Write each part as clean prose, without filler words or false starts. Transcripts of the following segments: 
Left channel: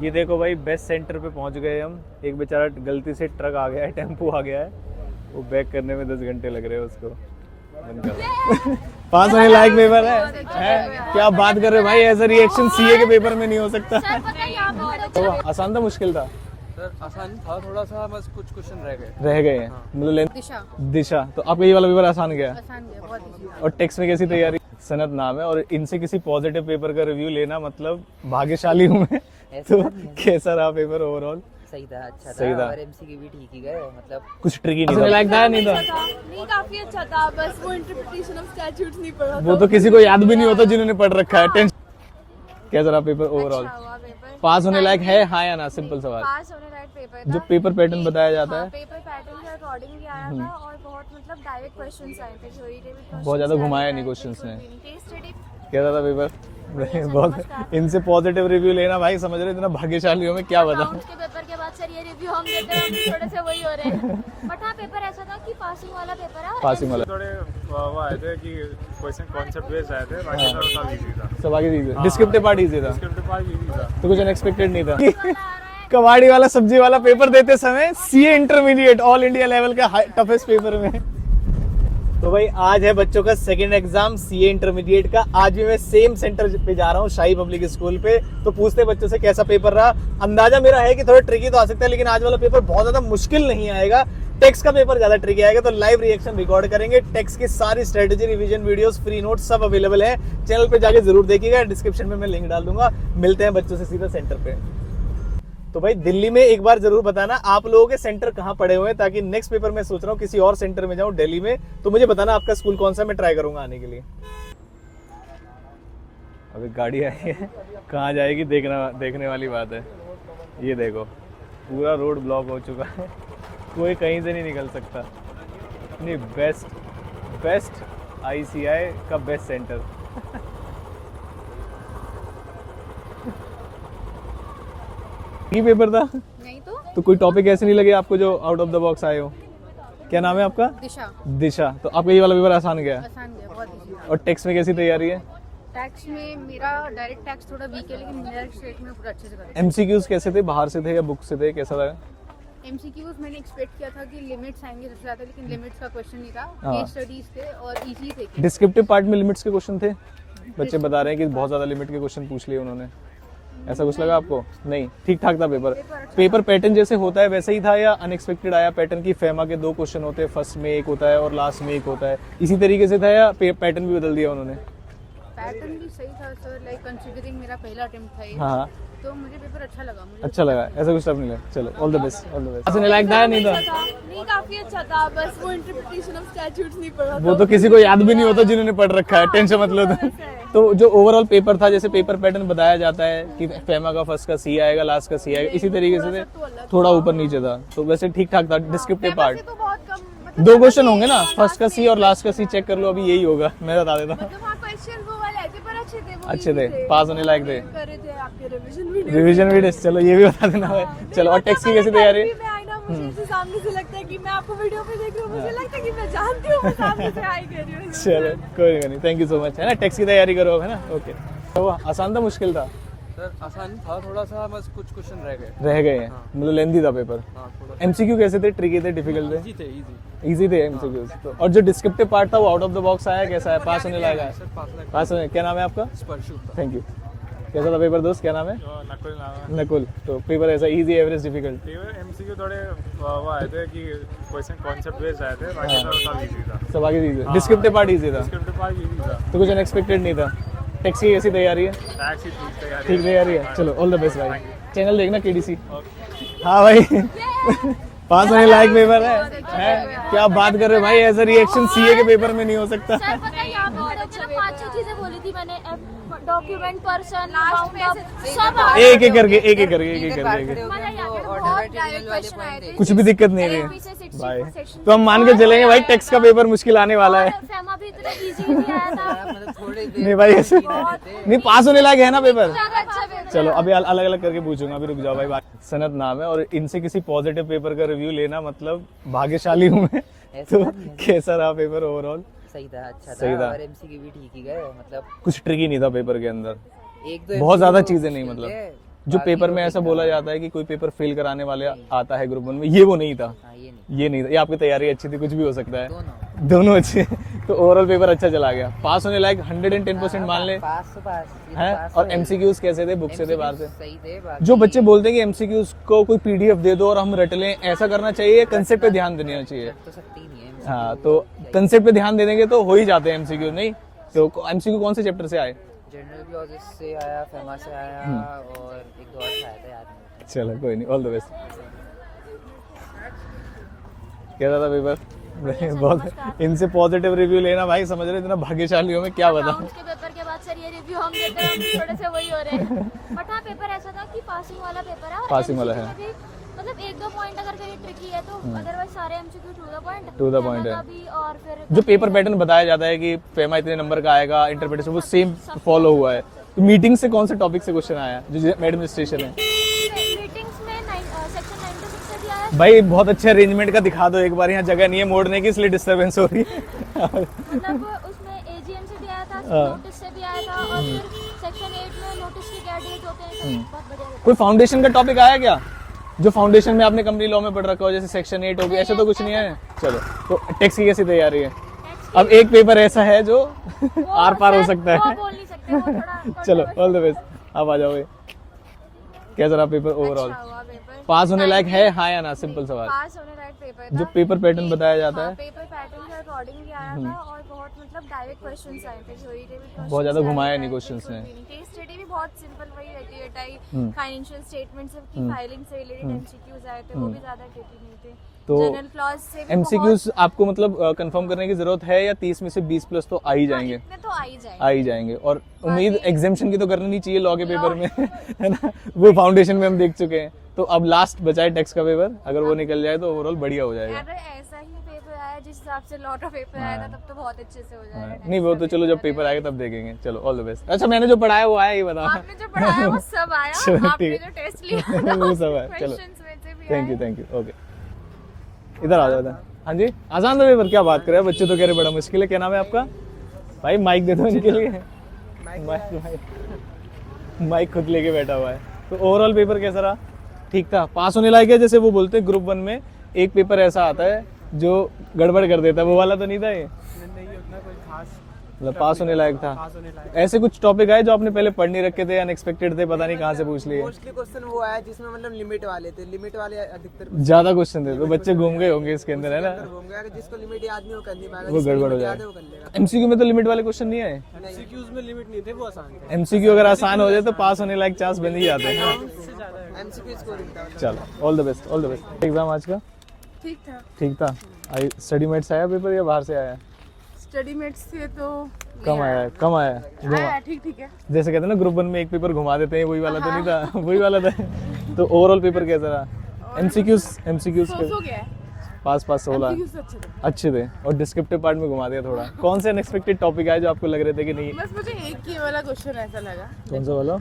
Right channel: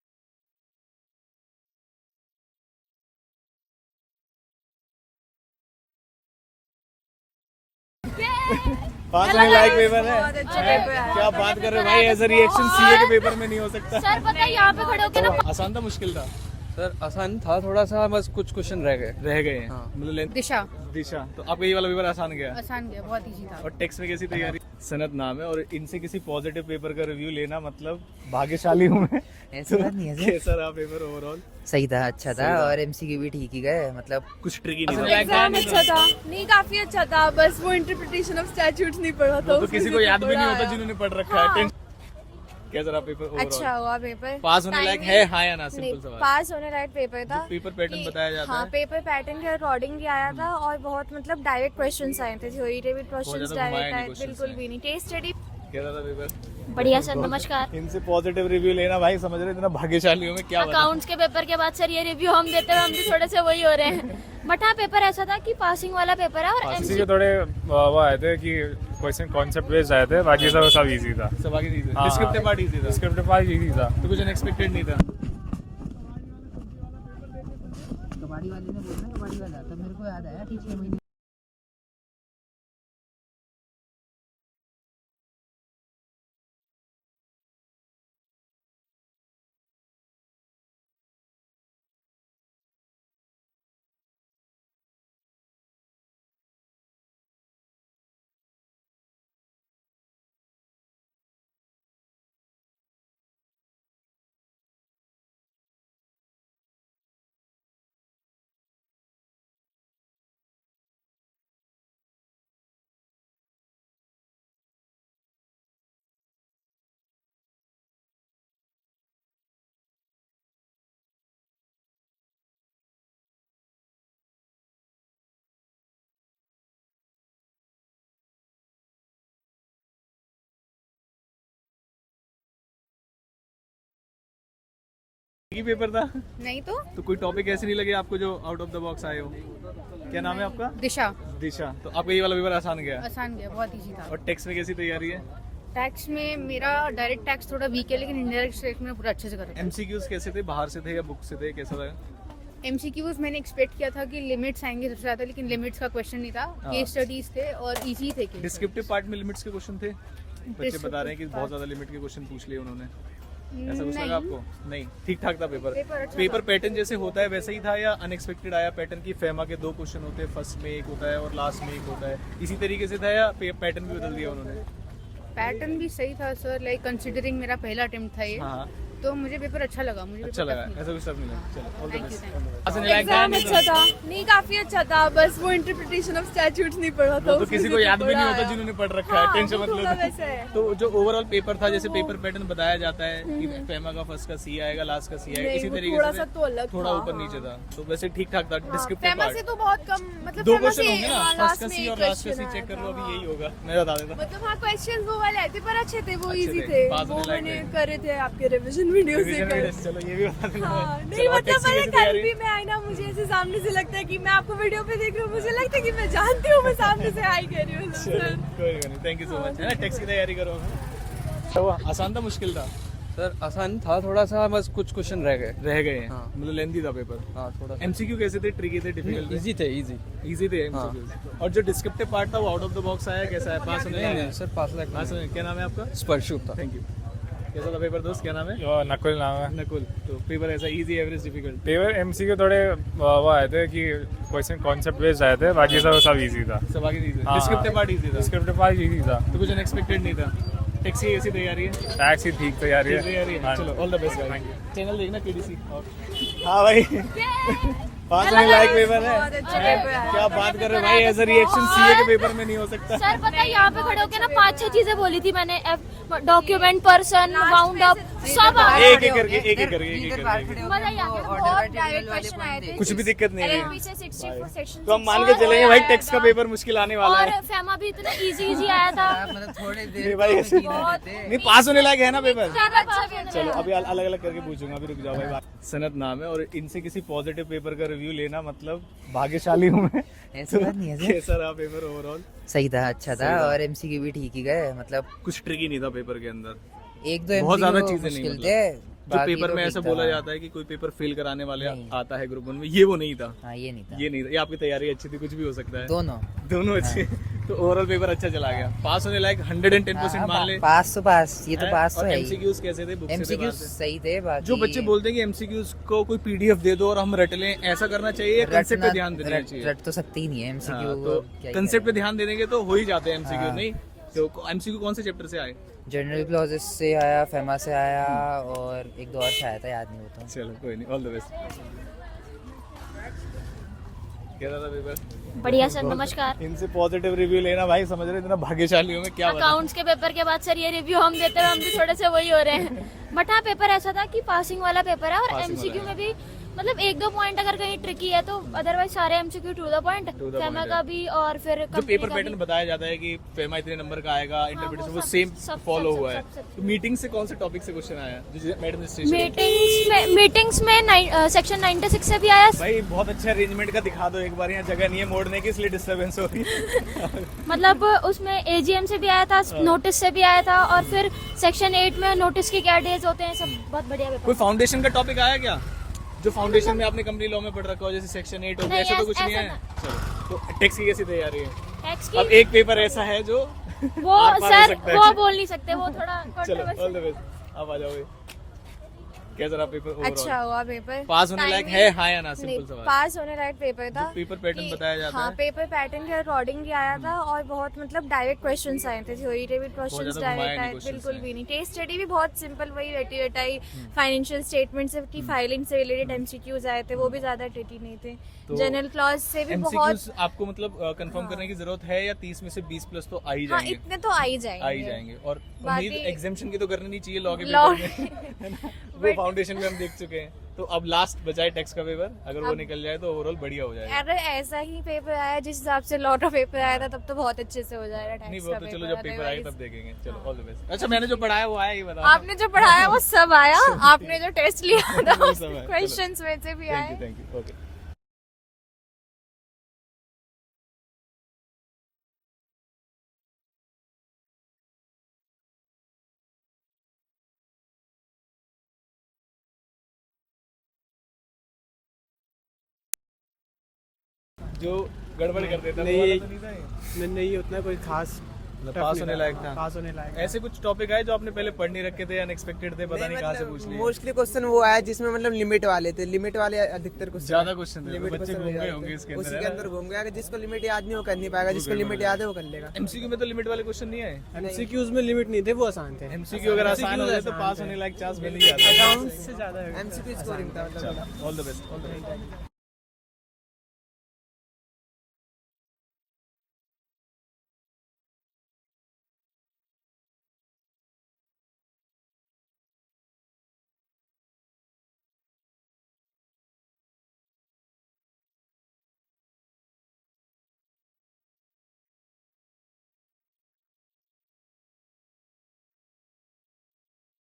ये देखो भाई बेस्ट सेंटर पे पहुंच गए हम। एक बेचारा गलती से ट्रक आ गया है, टेम्पो आ गया है, वो बैक करने में 10 घंटे लग रहे हैं उसको। पास होने लायक पेपर है। क्या बात कर रहे हो भाई, ऐसा रिएक्शन सीए के पेपर में नहीं हो सकता। सर पता है यहाँ पे खड़े होके तो आसान था मुश्किल था? सर आसान था थोड़ा सा, बस कुछ क्वेश्चन रह गए हैं मतलब दिशा दिशा। तो आपका ये वाला पेपर आसान गया? आसान गया, बहुत इजी था। और टेक्स्ट में कैसी तैयारी? सनत नाम है और इनसे किसी पॉजिटिव पेपर का रिव्यू लेना मतलब भाग्यशाली हूँ मैं। तो कैसा रहा पेपर ओवरऑल? सही था, अच्छा सही था था। और एमसीक्यू भी ठीक ही गए, मतलब कुछ ट्रिकी नहीं था? नहीं काफी अच्छा था, बस वो इंटरप्रिटेशन ऑफ स्टैट्यूट्स नहीं पढ़ा वो तो किसी को याद भी नहीं होता जिन्होंने पढ़ रखा है। टेंशन कैसा रहा पेपर ओवरऑल? अच्छा हुआ पेपर। पास होने लायक है हाँ या ना? सिंपल सवाल। पास होने लायक पेपर था। जो पेपर पैटर्न बताया जाता हाँ, है पेपर पैटर्न के अकॉर्डिंग भी आया था और बहुत मतलब डायरेक्ट क्वेश्चंस आए थे, थ्योरी टेबल क्वेश्चंस। बहुत ज्यादा घुमाया नहीं क्वेश्चंस बिल्कुल में। भी नहीं। केस स्टडी कैसा था पेपर? बढ़िया सर, बहुत- नमस्कार। इनसे पॉजिटिव रिव्यू लेना भाई, समझ रहे इतना भाग्यशाली हो मैं क्या बता। अकाउंट्स के पेपर के बाद सर ये रिव्यू हम देते हैं, हम भी थोड़े से वही हो रहे हैं। बट हाँ पेपर ऐसा था कि पासिंग वाला पेपर है और पासिंग वाला थोड़े वो आए थे कि क्वेश्चन कॉन्सेप्ट बेस्ड आए थे, बाकी सब इजी था। सब आगे इजी था। डिस्क्रिप्टिव पार्ट इजी था, स्क्रिप्ट पार्ट इजी था। तो कुछ अनएक्सपेक्टेड नहीं था। कबाड़ी वाला सब्जी वाला पेपर देते समय CA intermediate all India level का टफेस्ट पेपर में। तो भाई आज है बच्चों का सेकंड एग्जाम सीए इंटरमीडिएट का। आज भी मैं सेम सेंटर पे जा रहा हूँ, शाही पब्लिक स्कूल पे। तो पूछते बच्चों से कैसा पेपर रहा। अंदाजा मेरा है कि थोड़ा ट्रिकी तो आ सकता है, लेकिन आज वाला पेपर बहुत ज्यादा मुश्किल नहीं आएगा। टेक्स्ट का पेपर ज्यादा ट्रिकी आएगा, तो लाइव रिएक्शन रिकॉर्ड करेंगे। टेक्स्ट की सारी strategy, revision videos, free notes सब अवेलेबल है। चैनल पे जाके जरूर देखिएगा, डिस्क्रिप्शन में मैं लिंक डाल दूंगा। मिलते हैं बच्चों से सीधा सेंटर पे। तो भाई दिल्ली में एक बार जरूर बताना आप लोगों के सेंटर कहाँ पड़े हुए हैं, ताकि नेक्स्ट पेपर में सोच रहा हूँ किसी और सेंटर में जाऊँ दिल्ली में, तो मुझे बताना आपका स्कूल कौन सा, मैं ट्राई करूंगा आने के लिए। अभी गाड़ी आई है, कहाँ जाएगी देखने वाली बात है। ये देखो पूरा रोड ब्लॉक हो चुका है, कोई कहीं से नहीं निकल सकता। नहीं बेस्ट आईसीआई का बेस्ट सेंटर। ये पेपर था नहीं तो कोई टॉपिक ऐसे नहीं लगे आपको जो आउट ऑफ द बॉक्स आए हो? क्या नाम है आपका? दिशा। दिशा। तो आपका ये वाला पेपर आसान गया? आसान गया, बहुत इजी था। और टेक्स्ट में कैसी तैयारी है? टैक्स में मेरा डायरेक्ट टैक्स थोड़ा वीक है, लेकिन इनडायरेक्ट टैक्स में पूरा अच्छे से करा। एमसीक्यूज कैसे थे, बाहर से थे या बुक से थे, कैसा था? एमसीक्यूज मैंने एक्सपेक्ट किया था कि लिमिट्स आएंगे सबसे ज्यादा, लेकिन लिमिट्स का क्वेश्चन नहीं था। हाँ। केस स्टडीज थे और इजी थे। डिस्क्रिप्टिव पार्ट में लिमिट्स के क्वेश्चन थे? बच्चे बता रहे हैं कि बहुत ज्यादा लिमिट के क्वेश्चन पूछ लिए उन्होंने, ऐसा कुछ लगा आपको? नहीं, ठीक ठाक था पेपर। पेपर पैटर्न जैसे होता है वैसे ही था या अनएक्सपेक्टेड आया पैटर्न की? फेमा के 2 क्वेश्चन होते हैं, फर्स्ट में एक होता है और लास्ट में एक होता है, इसी तरीके से था या पैटर्न भी बदल दिया उन्होंने? पैटर्न भी सही था सर, लाइक कंसीडरिंग मेरा पहला अटेम्प्ट था ये। हाँ, तो मुझे पेपर अच्छा लगा। मुझे अच्छा लगा, ऐसा कुछ सब नहीं है। चलो all the best, all the best. ऐसा नहीं लायक था नहीं था? नहीं काफी अच्छा था, बस वो इंटरप्रिटेशन ऑफ स्टैट्यूट्स नहीं पढ़ा वो तो किसी को याद भी नहीं होता जिन्होंने पढ़ रखा है। टेंशन मत लो। तो जो ओवरऑल पेपर था, जैसे पेपर पैटर्न बताया जाता है कि फेमा का फर्स्ट का सी आएगा, लास्ट का सी आएगा, इसी तरीके से थोड़ा ऊपर नीचे था, तो वैसे ठीक ठाक था। डिस्क्रिप्टिव पार्ट तो बहुत कम, मतलब 2 क्वेश्चन होंगे ना, फर्स्ट का सी और लास्ट का सी चेक कर लो, अभी यही होगा, मैं बता देता हूँ। क्वेश्चन वो वाले आए थे पर अच्छे थे, वो अच्छे easy थे, पास होने लायक थे। कर रहे थे आपके रिवीजन वीडियो। रिवीजन वीडियो, चलो ये भी बता देना भाई। चलो और टेक्स्ट की कैसी तैयारी है? मैं आई ना, मुझे ऐसे सामने से लगता है कि मैं आपको वीडियो पे देख रही हूँ, मुझे लगता है कि मैं जानती हूँ, मैं सामने से आई कर रही हूँ। चलो कोई नहीं, थैंक यू सो मच, है ना। टेक्स्ट की तैयारी करो अब, है ना। ओके, तो आसान था मुश्किल था? सर आसान था थोड़ा सा, बस कुछ क्वेश्चन रह गए हैं, मतलब लेंथी था पेपर। हाँ थोड़ा एमसीक्यू कैसे थे, ट्रिकी थे, डिफिकल्ट थे? इजी थे, इजी इजी थे एमसीक्यूज। तो और जो डिस्क्रिप्टिव पार्ट था वो आउट ऑफ द बॉक्स आया, कैसा है? पास होने लायक है? सर पास होने। क्या नाम है आपका? स्पर्शु था। Thank you. कैसा था पेपर दोस्त, क्या नाम है? नकुल नाम है। नकुल। तो पेपर ऐसा easy, average, difficult? Paper MCQ थोड़े वो आए थे कि क्वेश्चन कॉन्सेप्ट बेस्ड आए थे, बाकी सब इजी था। सब आगे इजी। डिस्क्रिप्टिव पार्ट इजी था, स्क्रिप्ट पार्ट इजी था। तो कुछ अनएक्सपेक्टेड नहीं था। टैक्स की कैसी तैयारी है? टैक्स ही ठीक तैयारी ठीक तैयारी है। चलो ऑल द बेस्ट भाई, चैनल देखना केडीसी। हाँ भाई पास होने लायक पेपर है। क्या बात कर रहे हो भाई, ऐसा रिएक्शन सीए के पेपर में नहीं हो सकता। सर पता है यहाँ पे खड़े होके ना 5-6 चीजें बोली थी मैंने, डॉक्यूमेंट, पर्सन, बाउंड अप, सब एक एक करके मतलब यहाँ पे बहुत डायरेक्ट क्वेश्चन आए थे। कुछ भी दिक्कत नहीं है LLP से 60 भाई। section तो हम मान के चलेंगे भाई टेक्स्ट का पेपर मुश्किल आने वाला है। और फेमा भी इतना इजी आया था। मतलब थोड़े नहीं भाई ऐसे नहीं, पास होने लायक है ना पेपर। ज्यादा अच्छा पेपर। चलो अभी अलग अलग करके पूछूंगा, अभी रुक जाओ भाई। सनत नाम है और इनसे किसी पॉजिटिव पेपर का रिव्यू लेना मतलब भाग्यशाली हूँ मैं। ऐसा तो नहीं है सर। कैसा रहा पेपर ओवरऑल? सही था, अच्छा सही था था। और एमसीक्यू भी ठीक ही गए, मतलब कुछ ट्रिकी नहीं था पेपर के अंदर, एक दो बहुत ज्यादा MCQ चीजें नहीं, मुश्किल मतलब थे। जो बाकी पेपर तो में ठीक ऐसा था। बोला जाता है कि कोई पेपर फेल कराने वाले आता है ग्रुप 1 में, ये वो नहीं था। हाँ ये नहीं था। ये नहीं था, ये आपकी तैयारी अच्छी थी, कुछ भी हो सकता है। दोनों दोनों अच्छे। तो ओवरऑल पेपर अच्छा चला गया, पास होने लायक 110% मान ले। पास तो पास, ये तो है? पास और तो है ही। एमसीक्यूज कैसे थे, बुक से थे, बाहर MCQs से? सही थे। बाकी जो बच्चे बोलते हैं कि एमसीक्यूज को कोई पीडीएफ दे दो और हम रट लें, ऐसा करना चाहिए, कंसेप्ट पे ध्यान देना चाहिए। रट तो सकते ही नहीं है MCQ हाँ, वो तो क्या ही कंसेप्ट पे ध्यान देंगे तो हो ही जाते हैं एमसीक्यू। नहीं तो एमसीक्यू कौन से चैप्टर से आए? जनरल क्लॉजेस से आया, फेमा से आया और एक दो और से आया था, याद नहीं होता। चलो कोई नहीं, ऑल द बेस्ट। कैसा था पेपर? बढ़िया सर, बहुत- नमस्कार। इनसे पॉजिटिव रिव्यू लेना भाई, समझ रहे इतना भाग्यशाली हो मैं क्या बता। अकाउंट्स के पेपर के बाद सर ये रिव्यू हम देते हैं, हम भी थोड़े से वही हो रहे हैं। बट हाँ, पेपर ऐसा था कि पासिंग वाला पेपर है और Passing वाला MCQ है। में भी मतलब एक दो पॉइंट अगर कहीं ट्रिकी है तो अदरवाइज सारे MCQ to the point. To the point का है। भी और फिर जो पेपर पैटर्न बताया जाता है कि फेमा इतने नंबर का आएगा, इंटरप्रिटेशन वो सेम फॉलो हुआ है। तो मीटिंग से कौन से टॉपिक से क्वेश्चन आया जो एडमिनिस्ट्रेशन है? मीटिंग्स में सेक्शन 96 से भी आया। भाई बहुत अच्छे अरेंजमेंट का दिखा दो एक बार, यहाँ जगह नहीं है मोड़ने की इसलिए डिस्टरबेंस हो रही है। मतलब उसमें AGM से भी आया था, नोटिस से भी आया था और फिर सेक्शन 8 में नोटिस के क्या डेज होते हैं, सब बहुत बढ़िया पेपर। कोई फाउंडेशन का टॉपिक आया क्या, जो फाउंडेशन में आपने कंपनी लॉ में पढ़ रखा हो, जैसे सेक्शन 8 हो गया, ऐसा तो कुछ नहीं है। चलो तो टैक्स की कैसी तैयारी है? टैक्स अब एक पेपर ऐसा है जो वो आर पार हो सर, सकता है। वो बोल नहीं सकते, वो थोड़ा चलो ऑल द बेस्ट, अब आ जाओ भाई। कैसा रहा पेपर ओवरऑल? अच्छा हुआ पेपर। पास होने लायक है हाँ या ना, सिंपल सवाल। पास होने लायक पेपर था। जो पेपर पैटर्न बताया जाता हाँ, है पेपर पैटर्न के अकॉर्डिंग ही आया था और बहुत मतलब डायरेक्ट क्वेश्चंस आए थे, थ्योरी टेबल क्वेश्चंस। बहुत ज्यादा घुमाया नहीं क्वेश्चंस बिल्कुल ने। भी नहीं। केस स्टडी भी बहुत सिंपल, वही रटी रटाई फाइनेंशियल स्टेटमेंट से की फाइलिंग से रिलेटेड MCQs आए थे, वो भी ज्यादा ट्रिकी नहीं थे। तो जनरल क्लॉज से भी एमसीक्यूज आपको मतलब कंफर्म करने की जरूरत है या 30 में से 20 प्लस तो आ ही हाँ, जाएंगे? इतने तो आ ही जाएंगे। आ ही जाएंगे। और उम्मीद एग्जामिशन की तो करनी नहीं चाहिए लॉ के Law- पेपर में, है ना, वो फाउंडेशन में हम देख चुके हैं। तो अब लास्ट बचा है टैक्स का पेपर, अगर वो निकल जाए तो ओवरऑल बढ़िया हो जाएगा। अगर ऐसा ही पेपर आया जिस हिसाब से लॉ का पेपर आया था तब तो बहुत अच्छे से हो जाएगा। tax नहीं वो का तो चलो जब पेपर आएगा तब देखेंगे। चलो ऑल द बेस्ट। अच्छा मैंने जो पढ़ाया वो आया, ये बताओ। आपने जो पढ़ाया वो सब आया, चलो, ठीक आपने है। जो टेस्ट लिया था वो सब है, चलो। क्वेश्चंस में से भी थैंक आया। You okay. इधर आ जाओ इधर। हाँ जी, आसान था पेपर, क्या बात कर रहे हैं, बच्चे तो कह रहे बड़ा मुश्किल है। क्या नाम है आपका भाई? माइक दे दो इनके लिए। माइक खुद लेके बैठा हुआ है। तो ओवरऑल पेपर कैसा रहा? ठीक था, पास होने लायक है। जैसे वो बोलते हैं ग्रुप 1 में एक पेपर ऐसा आता है जो गड़बड़ कर देता है, वो वाला तो नहीं था ये? नहीं उतना कोई खास मतलब पास होने लायक था। पास होने लायक। ऐसे कुछ टॉपिक आए जो आपने पहले पढ़ नहीं रखे थे, अनएक्सपेक्टेड थे, पता नहीं कहाँ से पूछ लिए? मोस्टली क्वेश्चन वो आया जिसमें मतलब लिमिट वाले थे, लिमिट वाले अधिकतर ज्यादा क्वेश्चन थे तो बच्चे घूम गए होंगे इसके अंदर, है ना? अंदर घूम गया। जिसको लिमिट याद नहीं वो कर नहीं पाएगा, वो जिसको गड़बड़ हो लिमिट याद जाएगा। है वो कर लेगा। एमसीक्यू में तो लिमिट वाले क्वेश्चन नहीं आए। एमसीक्यूज में लिमिट नहीं थे, वो आसान थे। एमसीक्यू अगर आसान हो जाए तो पास होने लायक चांस बन ही जाता है। एमसीक्यू स्कोरिंग था। चलो all the best, all the best. Exam आज का ठीक था। आई स्टडी मेट्स आया पेपर या बाहर से आया? स्टडी मेट्स से तो कम आया है, कम आया है। घुमा- ठीक है। जैसे कहते हैं ना ग्रुप 1 में एक पेपर घुमा देते हैं, वही वाला तो नहीं था, वही वाला था। तो ओवरऑल पेपर कैसा रहा? एमसीक्यूज के पास 16 अच्छे थे और डिस्क्रिप्टिव पार्ट में घुमा दिया थोड़ा। कौन से अनएक्सपेक्टेड टॉपिक आए जो आपको लग रहे थे कि नहीं? बस मुझे एक ही वाला क्वेश्चन ऐसा लगा, कौन सा वाला?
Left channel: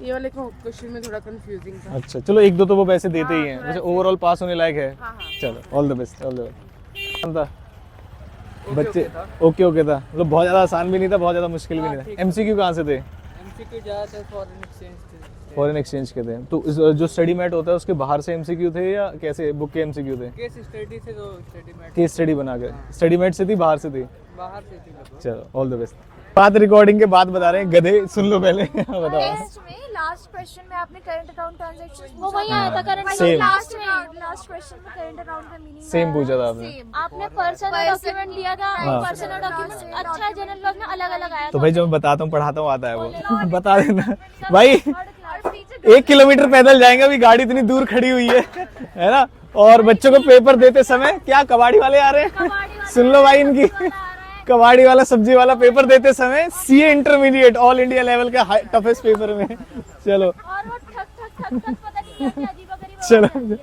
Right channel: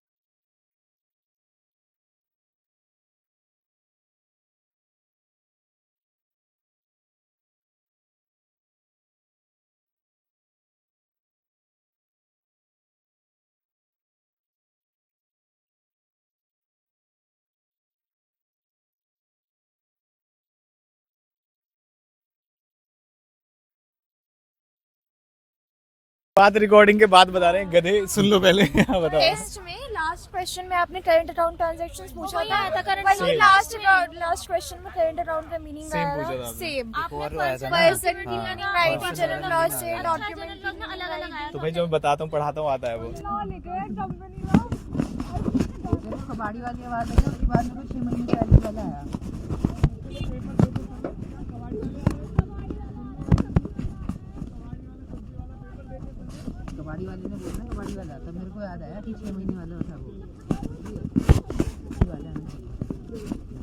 ये वाले क्वेश्चन में थोड़ा कंफ्यूजिंग था। अच्छा चलो एक दो तो वो वैसे देते ही हैं, वैसे ओवरऑल पास होने लायक है। चलो all the best, all the best. था बच्चे ओके था, मतलब बहुत ज़्यादा आसान भी नहीं था, बहुत ज़्यादा मुश्किल भी नहीं था। एमसीक्यू कहाँ से थे? एमसीक्यू ज़्यादातर फॉरेन एक्सचेंज थे। फॉरेन एक्सचेंज के थे। तो जो स्टडी मैट होता है उसके बाहर से एमसीक्यू थे या कैसे बुक के एमसीक्यू थे? केस स्टडी से जो स्टडी मैट केस स्टडी बना के स्टडी मैट से थी, बाहर से थी? बाहर से थी लगभग। चलो ऑल द बेस्ट। बात रिकॉर्डिंग के बाद बता रहे हैं, गधे सुन लो पहले। बताओ। टेस्ट में लास्ट क्वेश्चन में आपने करंट अकाउंट ट्रांजैक्शंस पूछा वही आया था करंट Same. लास्ट क्वेश्चन में करंट अकाउंट का मीनिंग सेम पूछा था आपने। सेम। आपने पर्सनल डॉक्यूमेंट लिया था, हाँ। Personal document. अच्छा, जनरल लॉ में अलग-अलग आया तो भाई जो मैं बताता हूँ पढ़ाता हूँ आता है वो बता देना भाई। 1 किलोमीटर पैदल जाएंगे, अभी गाड़ी इतनी दूर खड़ी हुई है ना? और बच्चों को पेपर देते समय क्या कबाड़ी वाले आ रहे हैं? सुन लो भाई इनकी, कबाड़ी वाला सब्जी वाला पेपर देते समय CA intermediate all India level का टफेस्ट पेपर में। चलो और वो ठक ठक ठक ठक पता नहीं क्या-क्या अजीब-अजीब चलो